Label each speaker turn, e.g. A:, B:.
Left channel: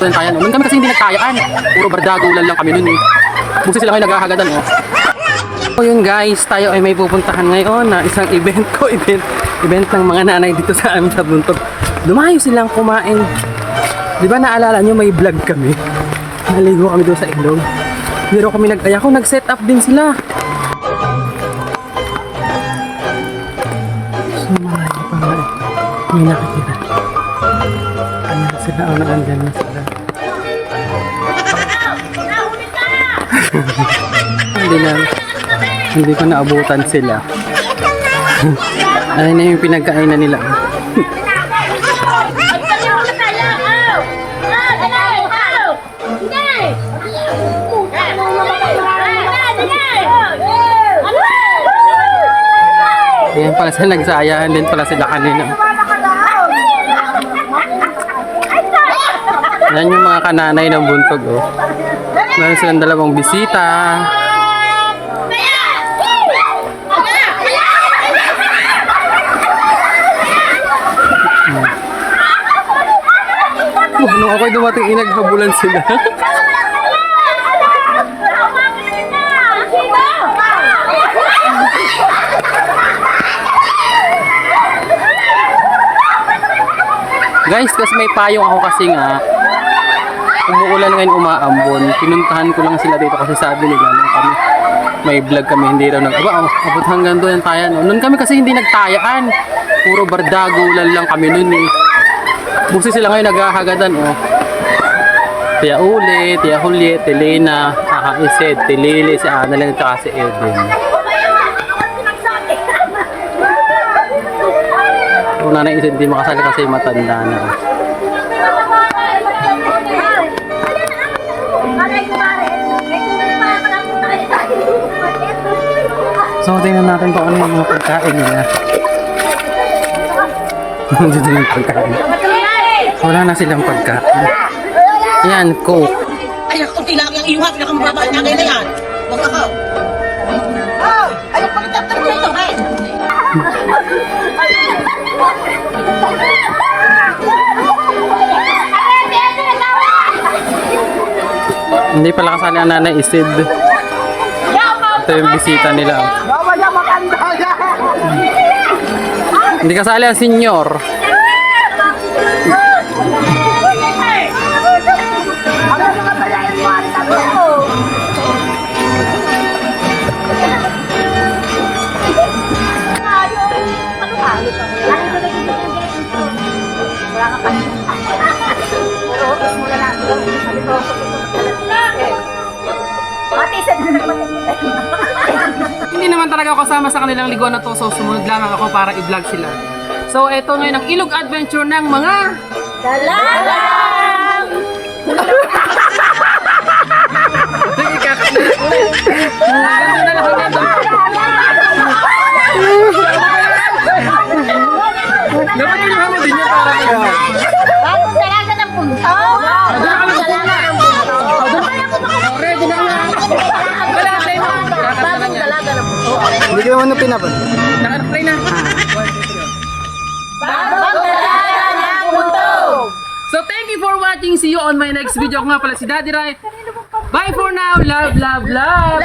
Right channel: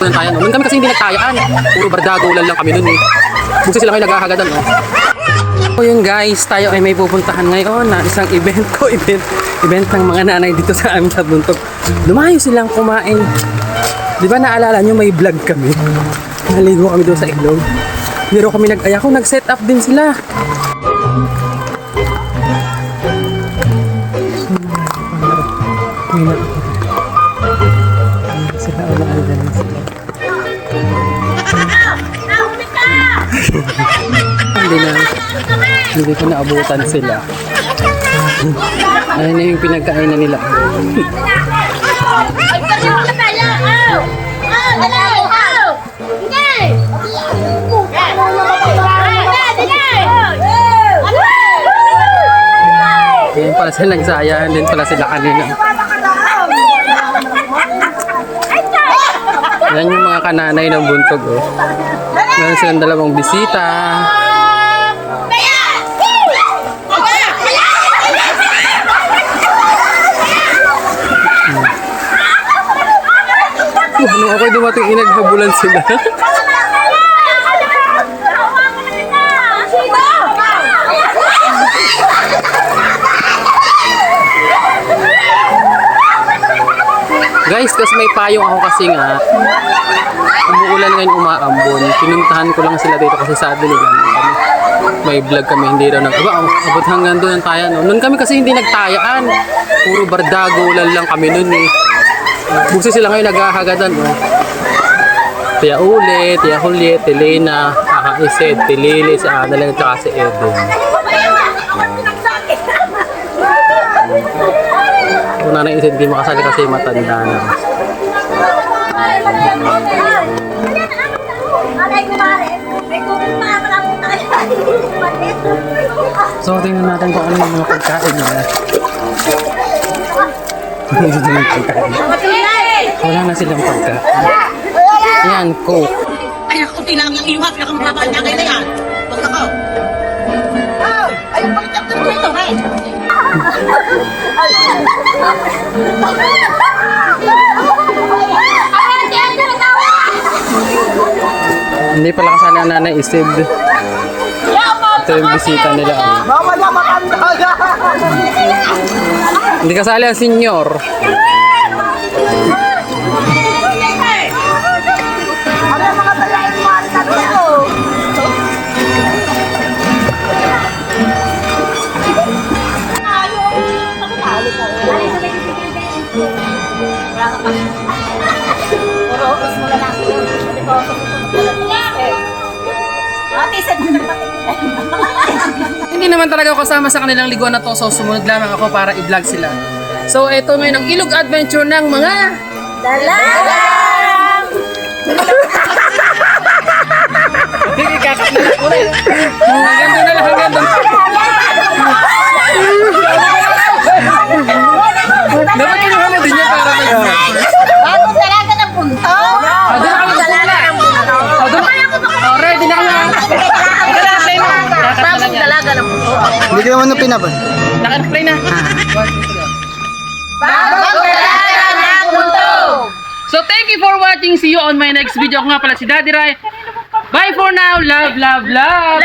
A: Tayo, no? Noon kami kasi hindi nagtayaan. Puro bardagulan lang kami noon eh. Busi sila ngayon naghahagadan, oh. So yun guys, tayo ay may pupuntahan ngayon na isang event ko, event, event ng mga nanay dito sa amin sa Buntog. Lumayo silang kumain. Di ba naalala nyo may vlog kami? Naligo kami doon sa ilog. Pero kami nag-aya ko, nag-set up din sila. So nga eh. May nakikita. Ayan sila, oh, naandyan sila. Hindi na, hindi ko naabutan sila. Ayun na yung pinagkainan nila. Ngayon pala sila nagsayahan din pala sila kanina. Yan yung mga kananay ng buntog oh. Meron silang dalawang bisita. Uh, nung ako'y dumating inaghabulan sila. Guys, kasi may payong ako kasi nga umuulan ngayon umaambon. Pinuntahan ko lang sila dito kasi sabi nila kami may vlog kami hindi raw nag aba oh, abot hanggang doon ang tayan no. Noon kami kasi hindi nagtayaan. Puro bardagulan lang kami noon eh. Busi sila ngayon naghahagadan oh. Tia Uli, Tia Juliet, Elena, Aka Iset, Tilili, si Annalyn, at saka si Eden. Kung nanay Iset hindi makasali kasi matanda na. So, tingnan natin kung ano yung mga pagkain nila. Ano dito yung pagkain? Wala na silang pagkain. Yan, coke.
B: Ay, ako tinang ng iwak na kung mababa niya ngayon na yan. Baka ka. Ah, ay, pagkatapos mo ito, hey.
A: Hindi pala kasali ang nanay Isid. Ito yung bisita nila. Hindi kasali ang senyor.
B: Ano mga talayan ko?
A: Hindi naman talaga ako kasama sa kanilang liguan na to, so sumunod lamang ako para i-vlog sila. So, ito ngayon ang ilog adventure ng mga... Hindi. Hanggang doon na lang, hanggang doon. Dapat kinuha mo din yan para mag...
B: Bagong dalaga ng punto.
C: Hindi ko ano pinapan.
A: Naka-play na.
B: Bagong dalaga ng punto.
A: So thank you for watching. See you on my next video. Ako nga pala si Daddy Rai. Bye for now. Love, love, love.